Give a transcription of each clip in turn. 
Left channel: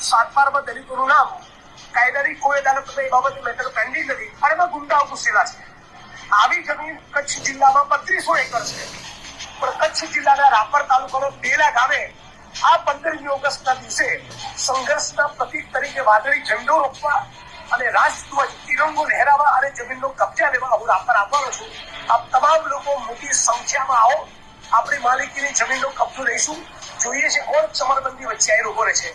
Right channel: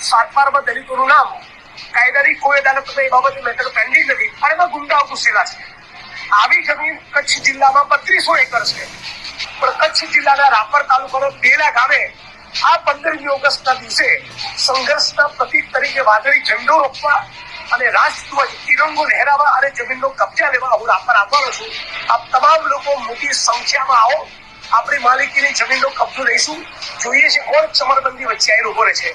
સાતબારમાં દલિતોનું નામ કાયદાની કોઈ અદાલતમાં એ બાબતે મેટર પેન્ડિંગ નથી. અને એમાં ગુંડાઓ ઘૂસેલા છે. આવી જમીન કચ્છ જિલ્લામાં બત્રીસો એકર છે. પણ કચ્છ જિલ્લાના રાપર તાલુકાનો બેલા ગામે આ પંદરમી ઓગસ્ટના દિવસે સંઘર્ષના પ્રતીક તરીકે વાદળી ઝંડો રોપવા અને રાષ્ટ્રધ્વજ, તિરંગો લહેરાવા અને જમીનનો કબજા લેવા હું રાપર આવવાનો છું. આપ તમામ લોકો મોટી સંખ્યામાં આવો. આપણી માલિકીની જમીનનો કબજો લઈશું. જોઈએ છે કોણ ચમરબંધી વચ્ચે આવીને ઊભો રહે છે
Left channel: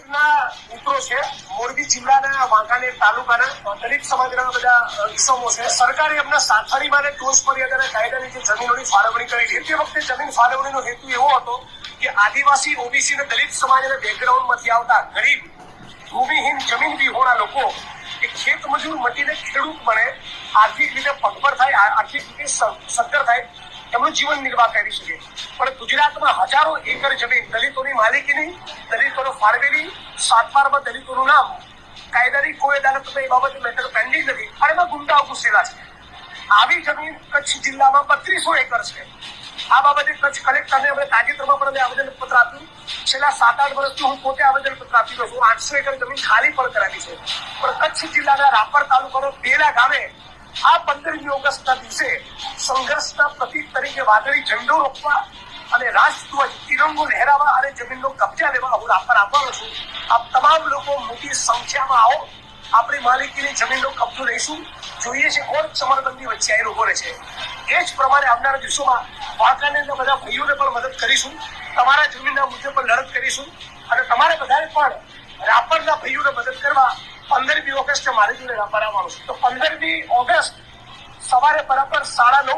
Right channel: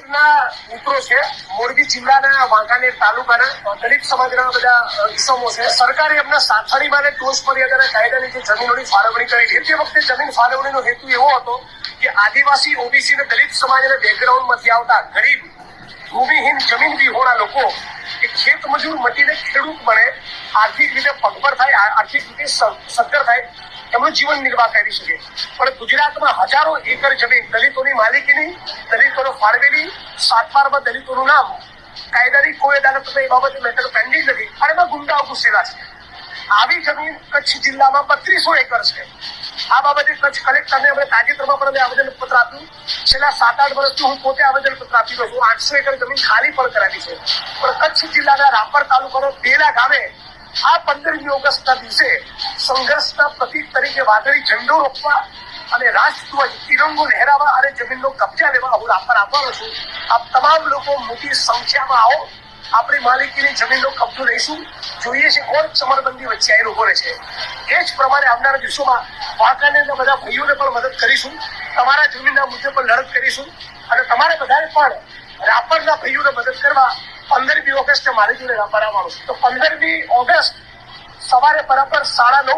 મિત્રો છે મોરબી જિલ્લાના વાંકાનેર તાલુકાના દલિત સમાજના બધા ઇસમો છે. સરકારે એમના સાથળી માટે ટોચ મર્યાદાના કાયદાની જે જમીનોની ફાળવણી કરી તે વખતે જમીન ફાળવણીનો હેતુ એવો હતો કે આદિવાસી ઓબીસી અને દલિત સમાજના બેકગ્રાઉન્ડમાંથી આવતા ગરીબ ભૂમિહીન જમીન વિહોણા લોકો કે ખેત મજૂર મટીને ખેડૂત બને આર્થિક રીતે પગભર થાય આર્થિક રીતે સદ્ધર થાય એમનું જીવન નિર્વાહ કરી શકે. પણ ગુજરાતમાં હજારો એકર જમીન, દલિતોની માલિકીની, દલિતોનો ફાળવેલી સાતબારમાં દલિતોનું નામ, કાયદાની કોઈ અદાલતમાં એ બાબતે મેટર પેન્ડિંગ નથી. અને એમાં ગુંડાઓ ઘૂસેલા છે. આવી જમીન કચ્છ જિલ્લામાં બત્રીસો એકર છે. આ બાબતે કચ્છ કલેક્ટરને અમે તાજેતરમાં પણ અમે આવેદન પત્ર આપ્યું. છેલ્લા સાત આઠ વર્ષથી હું પોતે આવેદન પત્ર આપી રહ્યો છું. આઠસો એકર જમીન ખાલી પણ કરાવી છે. પણ કચ્છ જિલ્લાના રાપર તાલુકાનો બેલા ગામે આ પંદરમી ઓગસ્ટના દિવસે સંઘર્ષના પ્રતીક તરીકે વાદળી ઝંડો રોપવા અને રાષ્ટ્રધ્વજ તિરંગો લહેરાવા અને જમીનનો કબજા લેવા હું રાપર આવવાનો છું. આપ તમામ લોકો મોટી સંખ્યામાં આવો. આપણી માલિકીની જમીનનો કબજો લઈશું. જોઈએ છે કોણ સમરબંધી વચ્ચે આવીને ઊભો રહે છે. એ જ પ્રમાણે આવનારા દિવસોમાં વાંકાનેરના બધા ભાઈઓને પણ મદદ કરીશું. તમારા જમીનના મુદ્દે પણ લડત કરીશું. અને તમારે બધાએ પણ રાપરના ભાઈઓને મદદ કરવા પંદરમી ઓગસ્ટે મારી જોડે રાપર આવવાનું છે. તો પંદરમી ઓગસ્ટ સવારે બરાબર સાડા નવ